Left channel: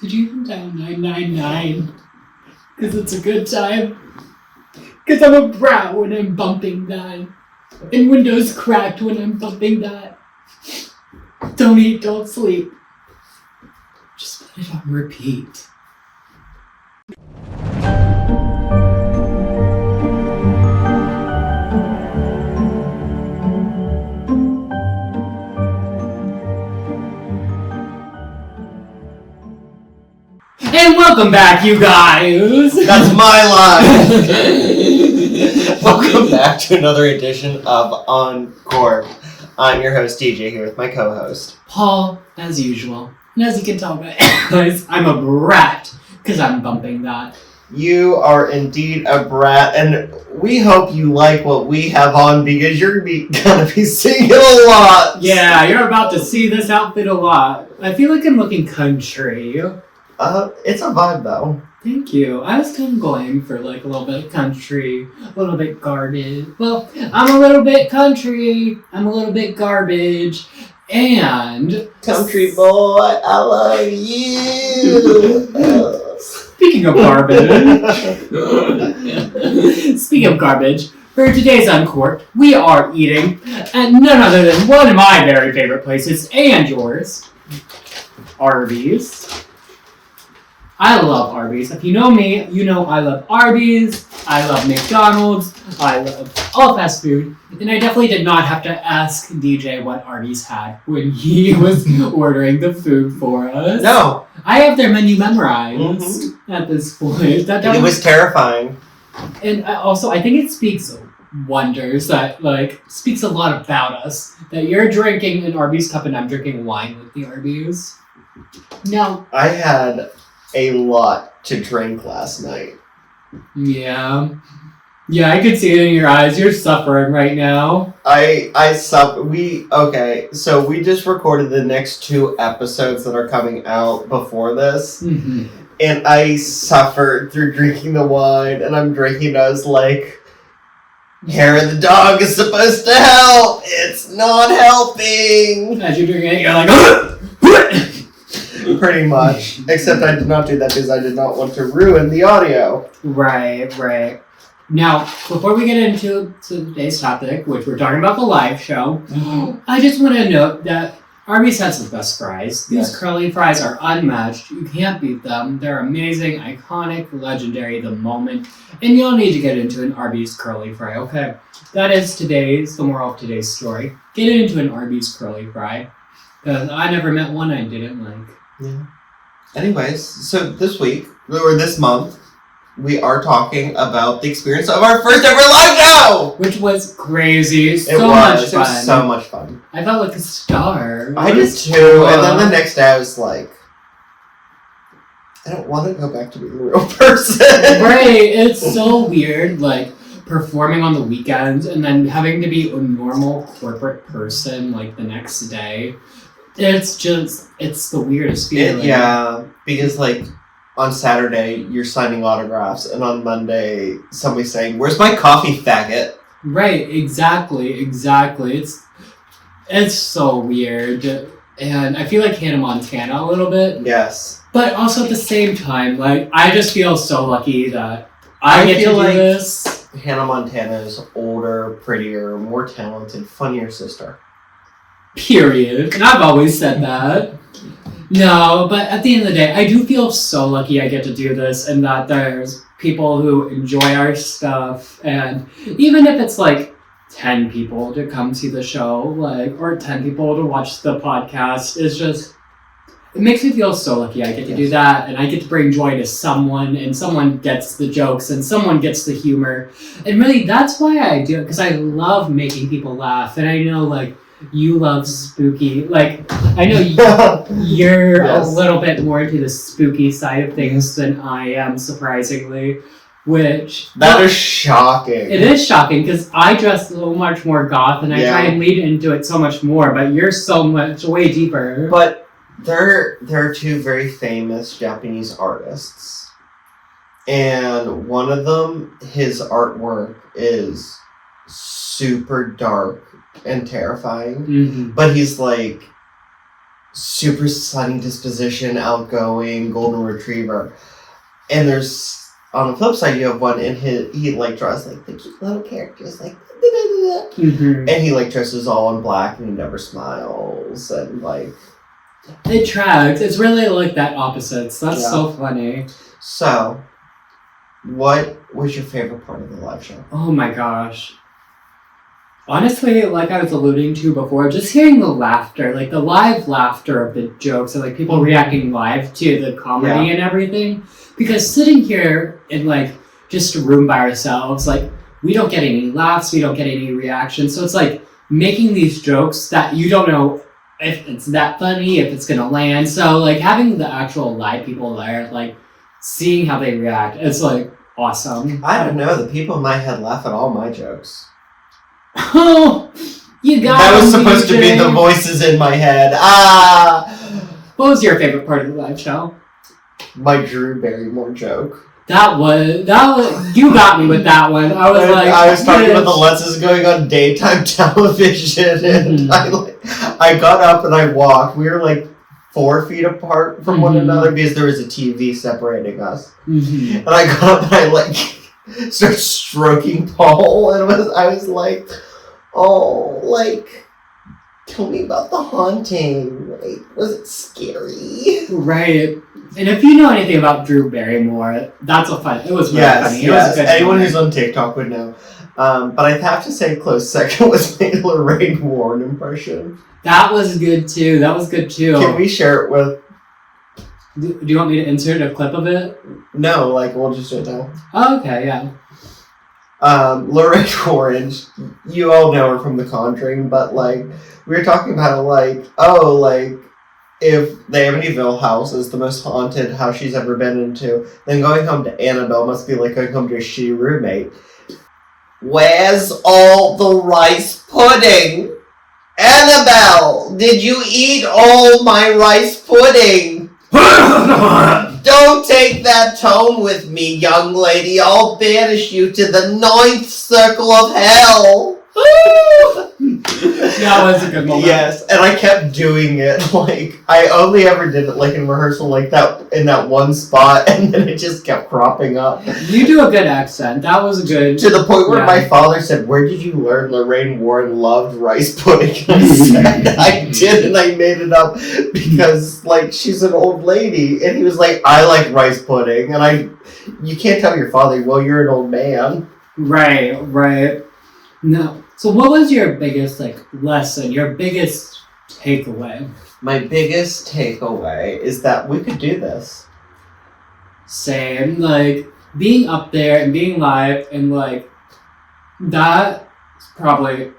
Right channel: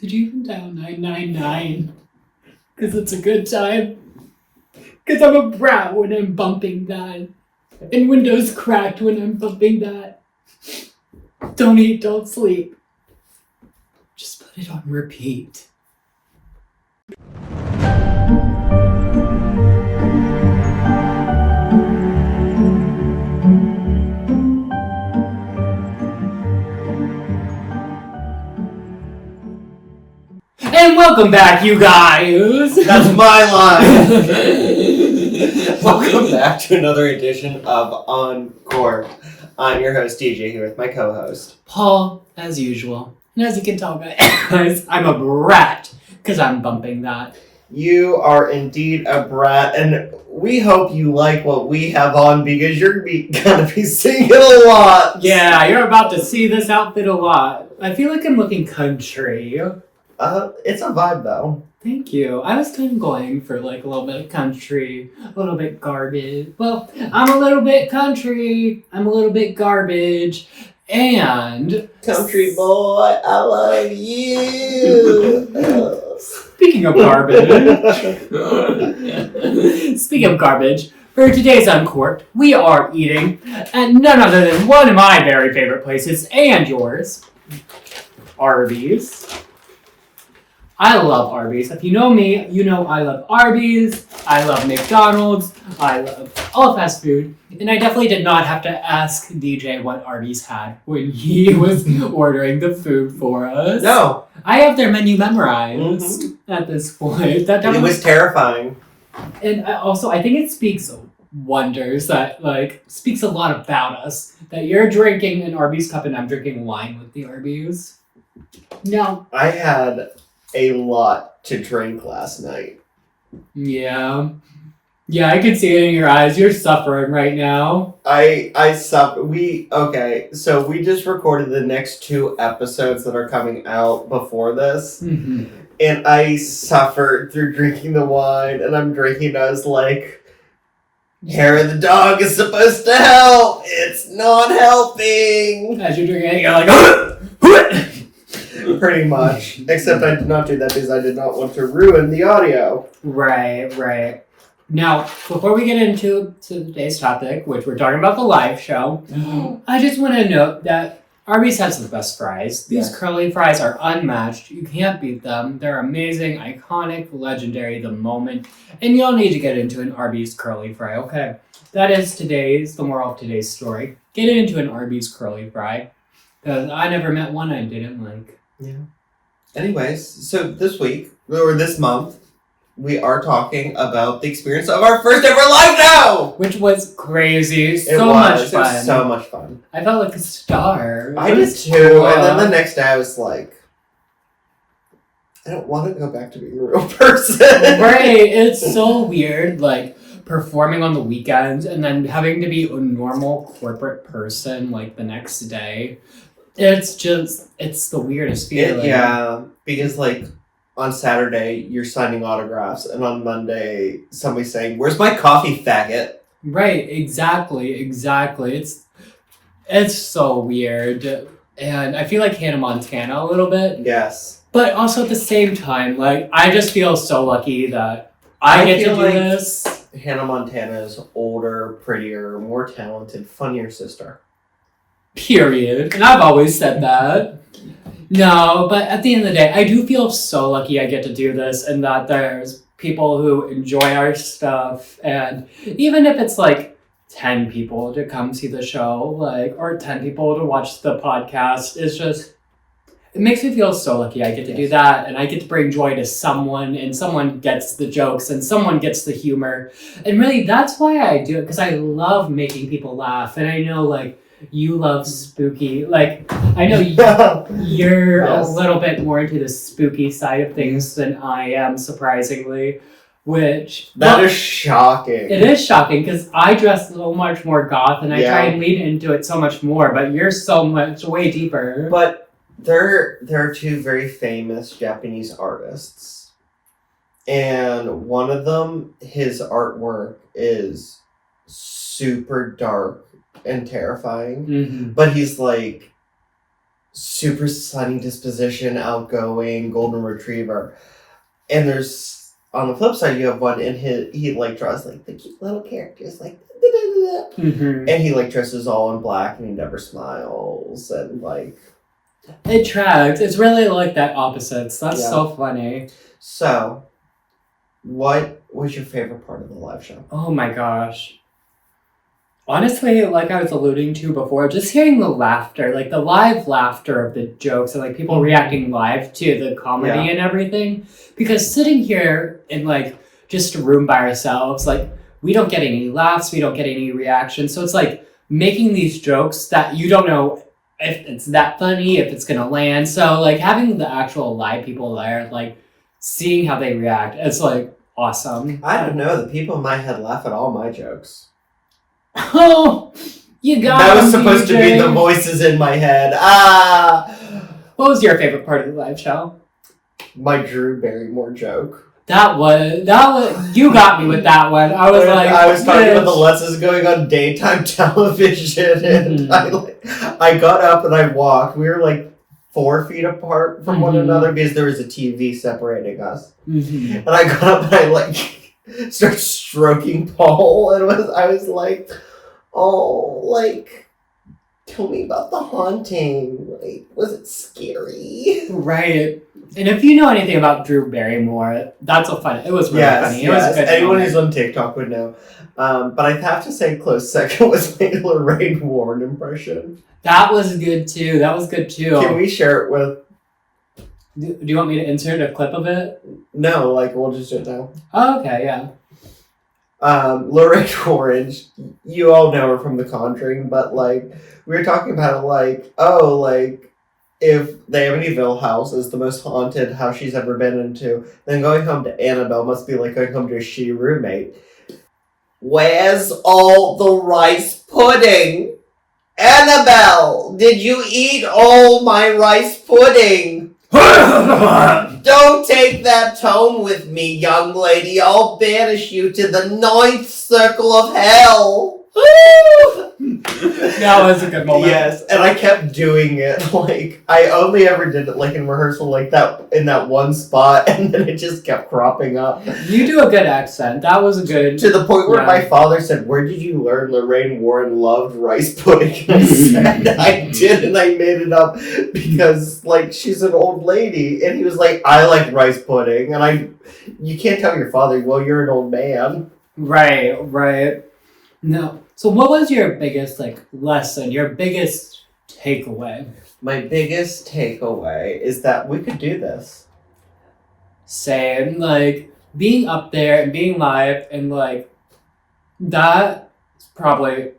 Did you even dial 999? Because it's a good time. Because I'm a brat when I'm bumping that. And Windows cracked when I'm bumping that. Don't eat, don't sleep. Just put it on repeat. And welcome back, you guys! That's my line! Welcome back to another edition of Uncorked. I'm your host, DJ, here with my co-host, Paul, as usual. And as you can tell, guys, I'm a brat, because I'm bumping that. You are indeed a brat, and we hope you like what we have on, because you're gonna be seeing it a lot! Yeah, you're about to see this outfit a lot. I feel like I'm looking country. It's a vibe, though. Thank you. I was kind of going for like a little bit country, a little bit garbage. Well, I'm a little bit country, I'm a little bit garbage, and... Country boy, I love you! Speaking of garbage... Speaking of garbage, for today's Uncorked, we are eating at none other than one of my very favorite places, and yours, Arby's. I love Arby's. If you know me, you know I love Arby's, I love McDonald's, I love all fast food, and I definitely did not have to ask DJ what Arby's had when he was ordering the food for us. No. I have their menu memorized at this point. That it was terrifying. And I think it speaks wonders, that speaks a lot about us, that you're drinking an Arby's cup and I'm drinking wine with the Arby's. No. I had a lot to drink last night. Yeah, I can see it in your eyes. You're suffering right now. I suffer. So we just recorded the next 2 episodes that are coming out before this. Mm-hmm. And I suffered through drinking the wine, and I'm drinking, I was like, hair of the dog is supposed to help. It's not helping. As you're drinking it, you're like, pretty much. Except I did not do that because I did not want to ruin the audio. Right. Now, before we get into today's topic, which we're talking about the live show, I just want to note that Arby's has the best fries. These curly fries are unmatched. You can't beat them. They're amazing, iconic, legendary, the moment. And you don't need to get into an Arby's curly fry, okay? That is the moral of today's story. Get into an Arby's curly fry. Because I never met one I didn't like. Yeah. Anyways, so this week, or this month, we are talking about the experience of our first ever live show! Which was crazy. It was so much fun. I felt like a star. I did too. And then the next day I was like, I don't want to go back to being a real person. Right. It's so weird, performing on the weekends and then having to be a normal corporate person, the next day. It's the weirdest feeling. Yeah, because, on Saturday, you're signing autographs, and on Monday, somebody's saying, "Where's my coffee, faggot?" Right, exactly. It's so weird. And I feel like Hannah Montana a little bit. Yes. But also at the same time, I just feel so lucky that I get to do this. Hannah Montana's older, prettier, more talented, funnier sister. Period. And I've always said that. No, but at the end of the day, I do feel so lucky I get to do this and that there's people who enjoy our stuff. And even if it's 10 people to come see the show, or 10 people to watch the podcast, it makes me feel so lucky I get to do that. And I get to bring joy to someone, and someone gets the jokes, and someone gets the humor. And really, that's why I do it, because I love making people laugh. And I know, you love spooky. I know you're a little bit more into the spooky side of things than I am, surprisingly. That is shocking. It is shocking, because I dress so much more goth, and I try and lead into it so much more, but you're so much way deeper. But there are 2 very famous Japanese artists. And one of them, his artwork is super dark and terrifying, but he's super sunny disposition, outgoing, golden retriever. And there's, on the flip side, you have one, and he like draws like the cute little characters, like, Mm-hmm. and he like dresses all in black, and he never smiles, and like. It tracks. It's really like that opposites. That's so funny. So, what was your favorite part of the live show? Oh my gosh. Honestly, like I was alluding to before, just hearing the laughter, like the live laughter of the jokes and like people reacting live to the comedy and everything. Because sitting here in like just a room by ourselves, like we don't get any laughs, we don't get any reactions. So it's like making these jokes that you don't know if it's that funny, if it's gonna land. So like having the actual live people there, like seeing how they react, it's like awesome. I don't know, the people in my head laugh at all my jokes. Oh, you got that was him, supposed to be DJ. the voices in my head. What was your favorite part of the live show? My Drew Barrymore joke. That was you got me with that one. I was like, I was talking about the lessons going on daytime television, and I got up and I walked. We were like 4 feet apart from one another because there was a TV separating us. And I got up and I like started stroking Paul, and I was like, oh, like, tell me about the haunting. Like, was it scary? Right. And if you know anything about Drew Barrymore, that's a fun. It was really funny. It was a good Anyone moment. who's on TikTok would know. But I have to say, close second was my Lorraine Warren impression. That was good too. Can we share it with? Do you want me to insert a clip of it? No, like we'll just do it now. Oh, okay, yeah. Lorraine Warren, you all know her from The Conjuring, but like we were talking about like, oh, like if the Amityville house is the most haunted house she's ever been into, then going home to Annabelle must be like going home to a shitty roommate. Where's all the rice pudding? Annabelle, did you eat all my rice pudding? Don't take that tone with me, young lady. I'll banish you to the 9th circle of hell. That was a good moment. Yes, and I kept doing it. Like, I only ever did it like in rehearsal, like that in that one spot, and then it just kept cropping up. You do a good accent. That was a good. To the point where my father said, "Where did you learn Lorraine Warren loved rice pudding?" And I said, "I did, and I made it up because like she's an old lady." And he was like, "I like rice pudding," and you can't tell your father, "Well, you're an old man." Right. No. So what was your biggest lesson, your biggest takeaway? My biggest takeaway is that we could do this. Same, like being up there and being live and like that's probably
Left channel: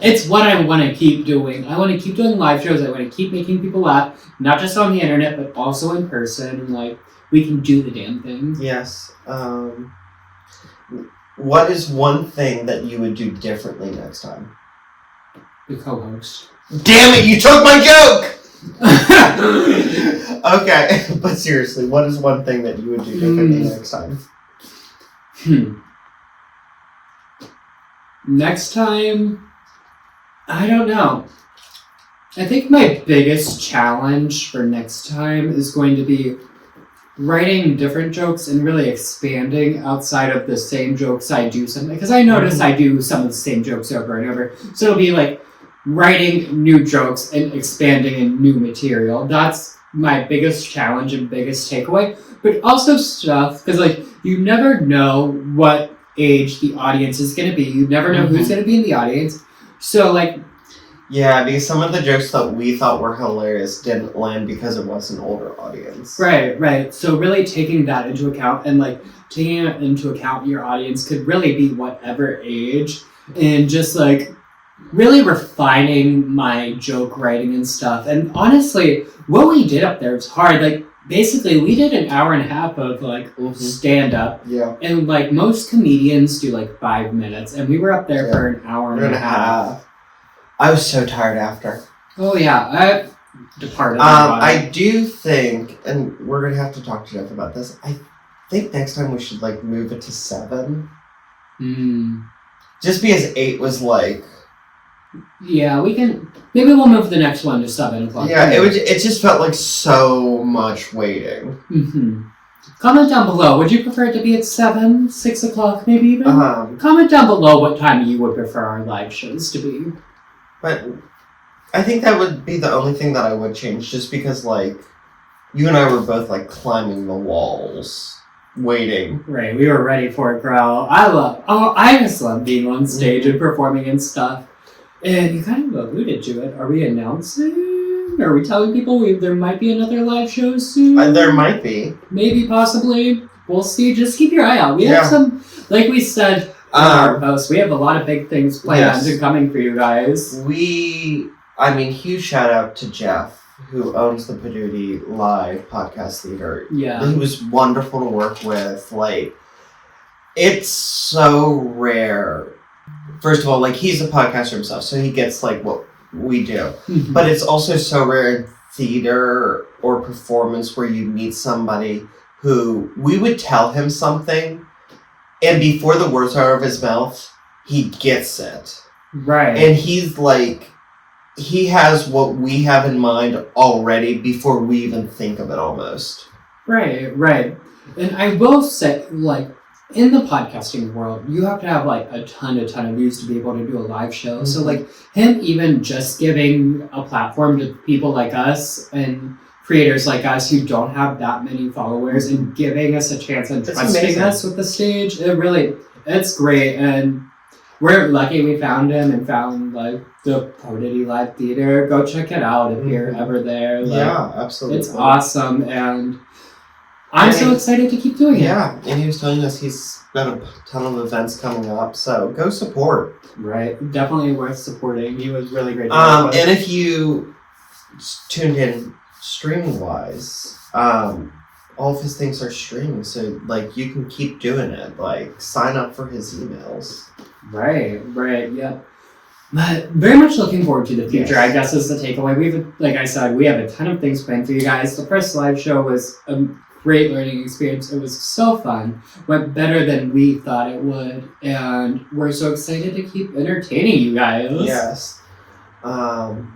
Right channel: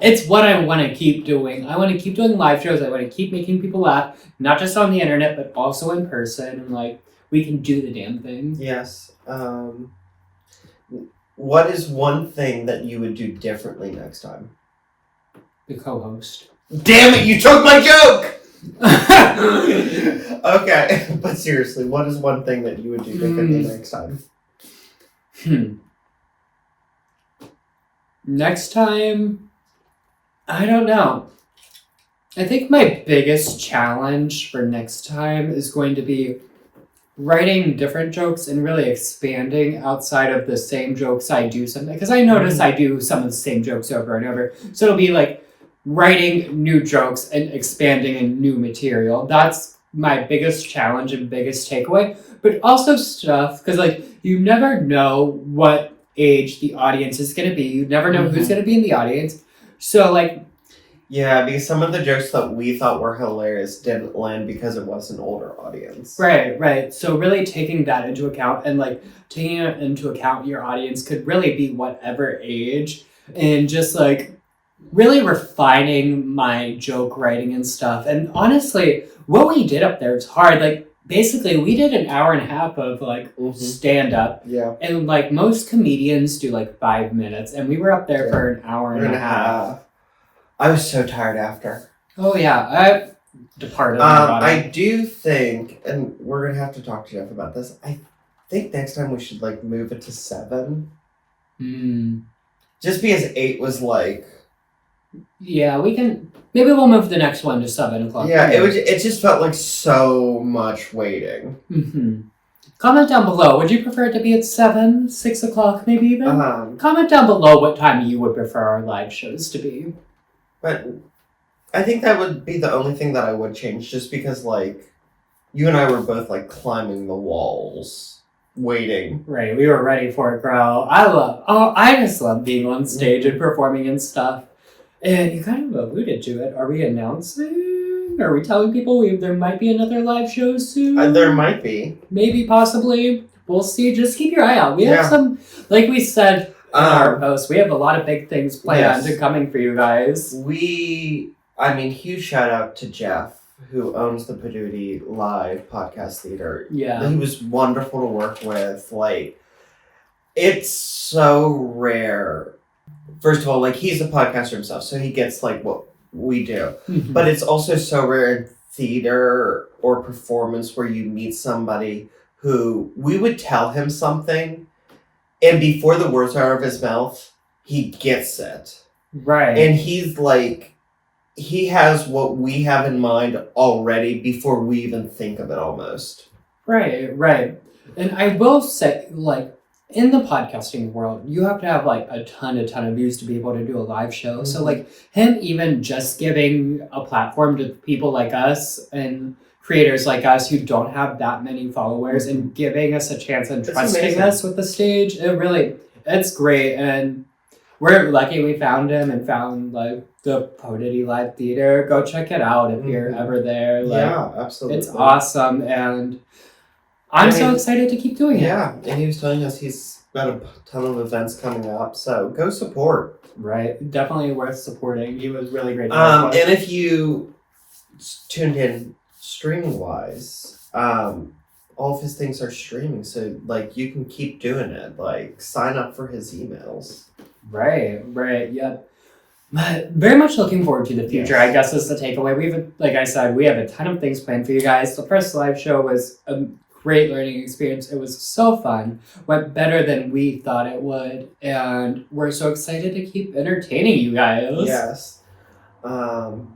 it's what I want to keep doing. I want to keep doing live shows. I want to keep making people laugh, not just on the internet but also in person, and like we can do the damn thing. Yes. What is one thing that you would do differently next time? The co-host. Damn it, you took my joke! Okay, but seriously, what is one thing that you would do differently next time? Next time, I don't know. I think my biggest challenge for next time is going to be writing different jokes and really expanding outside of the same jokes I do something, because I notice I do some of the same jokes over and over. So it'll be like writing new jokes and expanding in new material. That's my biggest challenge and biggest takeaway. But also stuff, because like you never know what age the audience is going to be. You never know who's going to be in the audience. So like, yeah, because some of the jokes that we thought were hilarious didn't land because it was an older audience. Right. So really taking that into account and like taking it into account your audience could really be whatever age, and just like really refining my joke writing and stuff. And honestly, what we did up there was hard. Like basically we did an hour and a half of like stand up. Yeah. And like most comedians do like 5 minutes, and we were up there for an hour and a half. I was so tired after. Oh yeah, I departed. I do think, and we're gonna have to talk to Jeff about this. I think next time we should like move it to 7. Just because 8 was like Yeah, we can. Maybe we'll move the next one to 7 o'clock. Yeah, it just felt like so much waiting. Mm-hmm. Comment down below. Would you prefer it to be at 7, 6 o'clock, maybe even? Comment down below what time you would prefer our live shows to be. But I think that would be the only thing that I would change, just because, like, you and I were both, like, climbing the walls, waiting. Right, we were ready for it, girl. I just love being on stage and performing and stuff. And you kind of alluded to it. Are we announcing? Are we telling people there might be another live show soon? There might be. Maybe, possibly. We'll see. Just keep your eye out. We have some, like we said in our post, we have a lot of big things planned and coming for you guys. Huge shout out to Jeff, who owns the Paduti Live Podcast Theater. Yeah. He was wonderful to work with. Like, it's so rare. First of all, like, he's a podcaster himself, so he gets, like, what we do. Mm-hmm. But it's also so rare in theater or performance where you meet somebody who we would tell him something, and before the words are out of his mouth, he gets it. Right. And he's like, he has what we have in mind already before we even think of it almost. Right. And I will say, like, in the podcasting world, you have to have, like, a ton of views to be able to do a live show. Mm-hmm. So, like, him even just giving a platform to people like us and creators like us who don't have that many followers and giving us a chance and trusting us with the stage, it's great. And we're lucky we found him and found, like, the Paduti Live Theater. Go check it out if you're ever there. Like, yeah, absolutely. It's awesome, and I'm so excited to keep doing it. Yeah, and he was telling us he's got a ton of events coming up, so go support. Right, definitely worth supporting. He was really great. And if you tuned in streaming-wise, all of his things are streaming, so, like, you can keep doing it. Like, sign up for his emails. Right, yep. But very much looking forward to the future, I guess, is the takeaway. Like I said, we have a ton of things planned for you guys. The first live show was a great learning experience. It was so fun. Went better than we thought it would. And we're so excited to keep entertaining you guys. Yes. And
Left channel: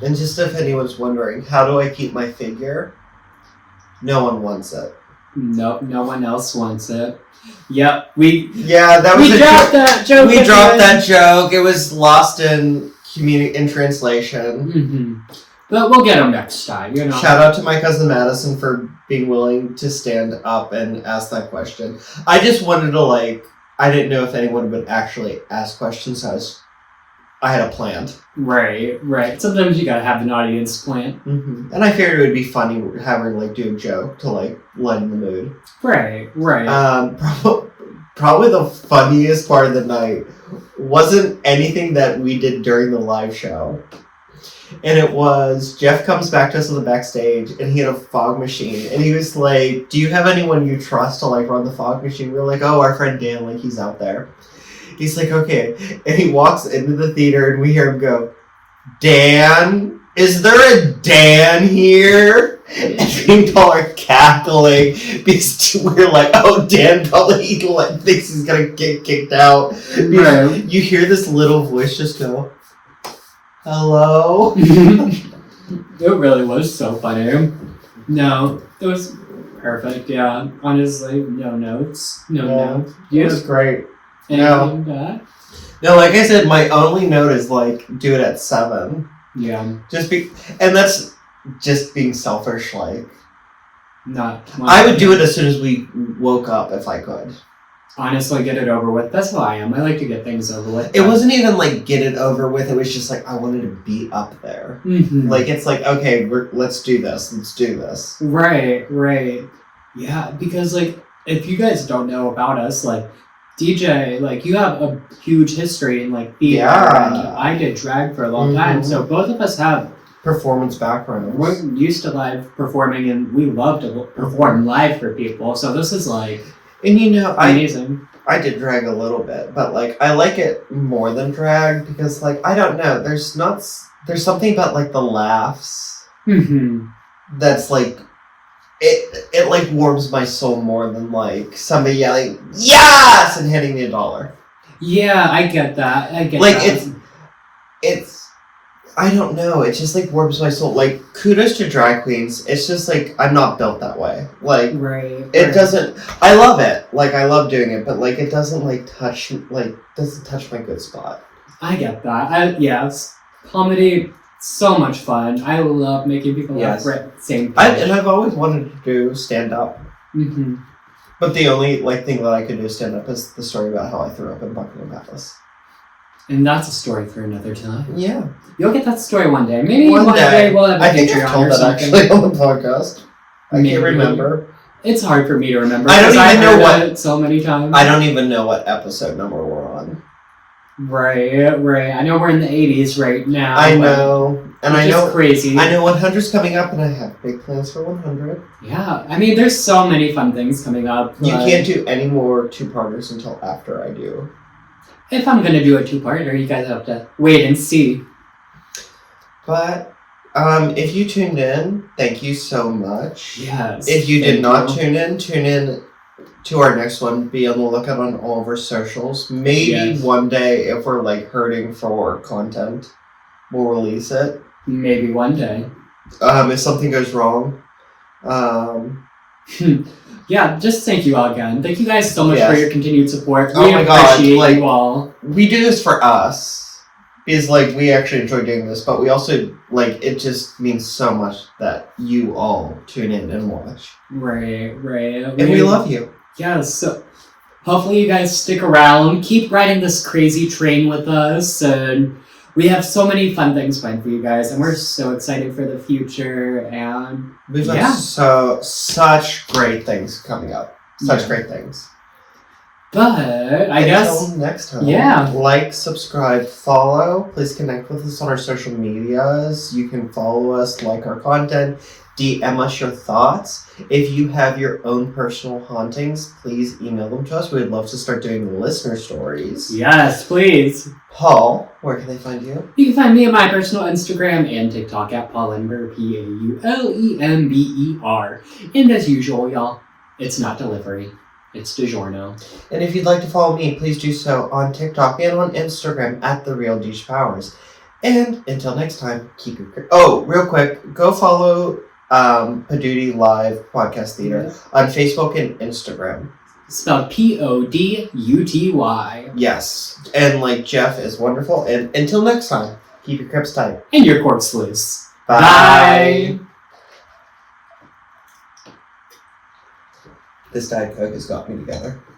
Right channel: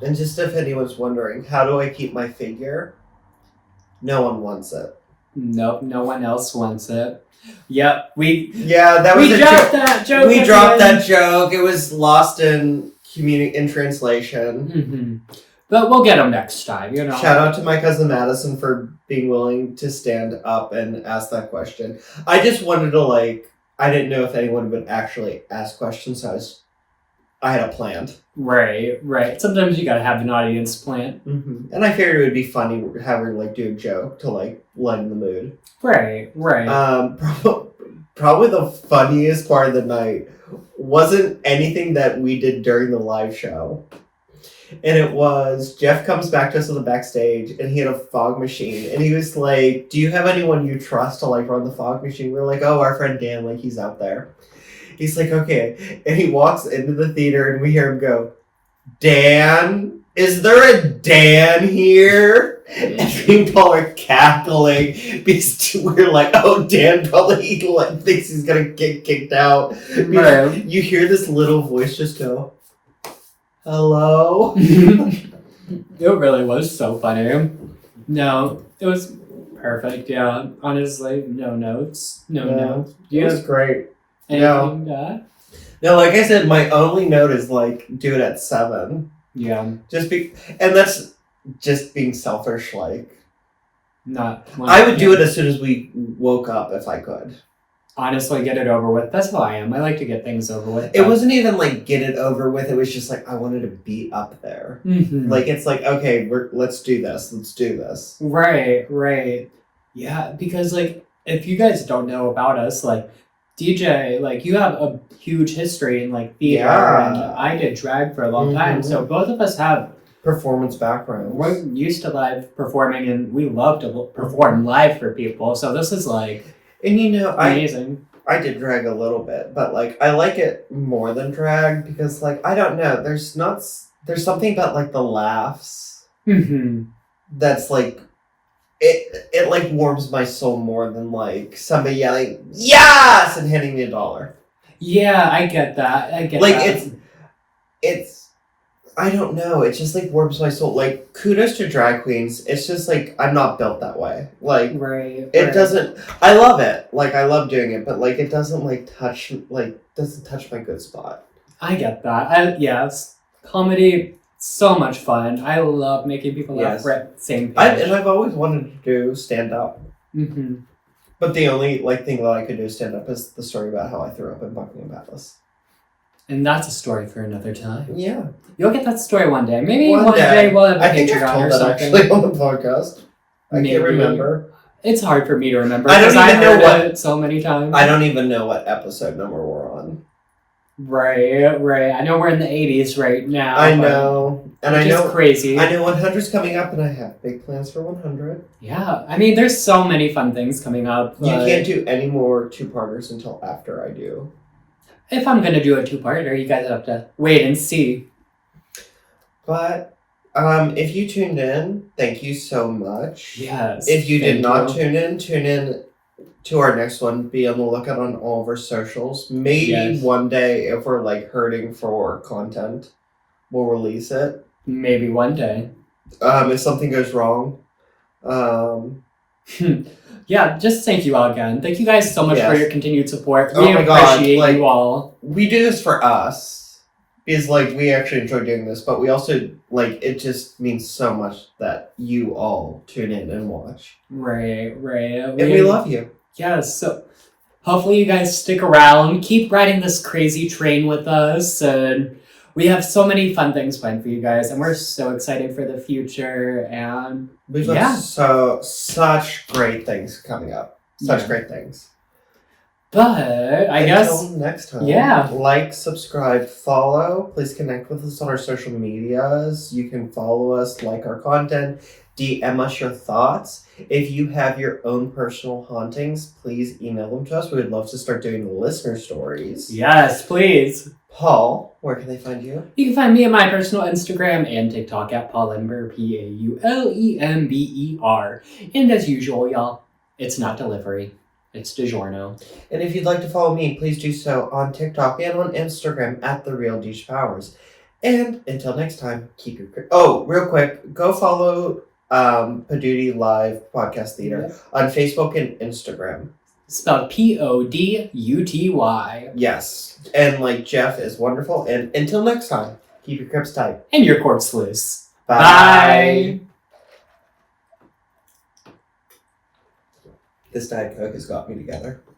just if anyone's wondering, how do I keep my figure? No one wants it. Nope, no one else wants it. Yep, we dropped that joke. We dropped that joke. It was lost in translation. Mm-hmm. But we'll get them next time, you know. Shout out to my cousin Madison for being willing to stand up and ask that question. I just wanted to, like, I didn't know if anyone would actually ask questions, so I had a plan. Right. Sometimes you gotta have an audience plan. Mm-hmm. And I figured it would be funny having, like, do a joke to, like, lighten the mood. Right. Probably the funniest part of the night wasn't anything that we did during the live show. And it was, Jeff comes back to us on the backstage, and he had a fog machine. And he was like, do you have anyone you trust to, like, run the fog machine? We're like, oh, our friend Dan, like, he's out there. He's like, okay. And he walks into the theater, and we hear him go, Dan? Is there a Dan here? And me and Paul are cackling because we're like, oh, Dan probably thinks he's going to get kicked out. Right. You hear this little voice just go, hello? It really was so funny. No, it was perfect, yeah. Honestly, no notes. No notes. It was great. Anything bad? No, like I said, my only note is, like, do it at 7. Yeah. And that's just being selfish, like. I would do it as soon as we woke up if I could. Honestly, get it over with. That's how I am. I like to get things over with. It wasn't even like get it over with. It was just like I wanted to be up there. Mm-hmm. Like it's like, okay, let's do this. Right. Yeah, because like if you guys don't know about us, like DJ, like you have a huge history in like theater, and I did drag for a long time, so both of us have performance backgrounds. We're used to live performing, and we love to perform live for people. So this is like, and you know, amazing. I did drag a little bit, but like I like it more than drag because like I don't know, there's something about like the laughs that's like. It like warms my soul more than like somebody yelling yes and handing me $1. Yeah, I get that. It's it's, I don't know, it just like warms my soul. Like, kudos to drag queens. It's just like, I'm not built that way. Like, it doesn't, I love it. Like, I love doing it, but like, it doesn't like touch my good spot. I get that. Yes. Comedy, so much fun. I love making people laugh right same page. And I've always wanted to do stand-up. Mm-hmm. But the only like thing that I could do stand-up is the story about how I threw up in Buckingham Palace. And that's a story for another time. Yeah. You'll get that story one day. Maybe one day we'll have a Patreon or something. I've told that actually on the podcast. I can't remember. It's hard for me to remember. I don't even know what it so many times. I don't even know what episode number we're on. Right. I know we're in the 80s right now. I know. And I know crazy. I know 100's coming up and I have big plans for 100. Yeah. I mean, there's so many fun things coming up. You can't do any more two-parters until after I do. If I'm going to do a two-parter, you guys have to wait and see. But if you tuned in, thank you so much. Yes. If you did not tune in to our next one. Be on the lookout on all of our socials. Maybe one day, if we're like hurting for content, we'll release it. Maybe one day. If something goes wrong. Yeah, just thank you all again. Thank you guys so much for your continued support. We appreciate you all. We do this for us. Because, like, we actually enjoy doing this, but we also, like, it just means so much that you all tune in and watch. Right. And we love you. Yeah, so hopefully you guys stick around. Keep riding this crazy train with us, and we have so many fun things planned for you guys, and we're so excited for the future, and we've got such great things coming up. Such great things. But I guess until next time, like, subscribe, follow. Please connect with us on our social medias. You can follow us, like our content, DM us your thoughts. If you have your own personal hauntings, please email them to us. We'd love to start doing listener stories. Yes, please. Paul, where can they find you? You can find me on my personal Instagram and TikTok at Paulember, Paulember. And as usual, y'all, it's not delivery. It's DiGiorno. And if you'd like to follow me, please do so on TikTok and on Instagram at TheRealDouchePowers. And until next time, keep your... Oh, real quick, go follow Paduty Live Podcast Theater on Facebook and Instagram. Spelled Poduty. Yes. And, like, Jeff is wonderful. And until next time, keep your crips tight. And your corks loose. Bye. This Diet Coke has got me together.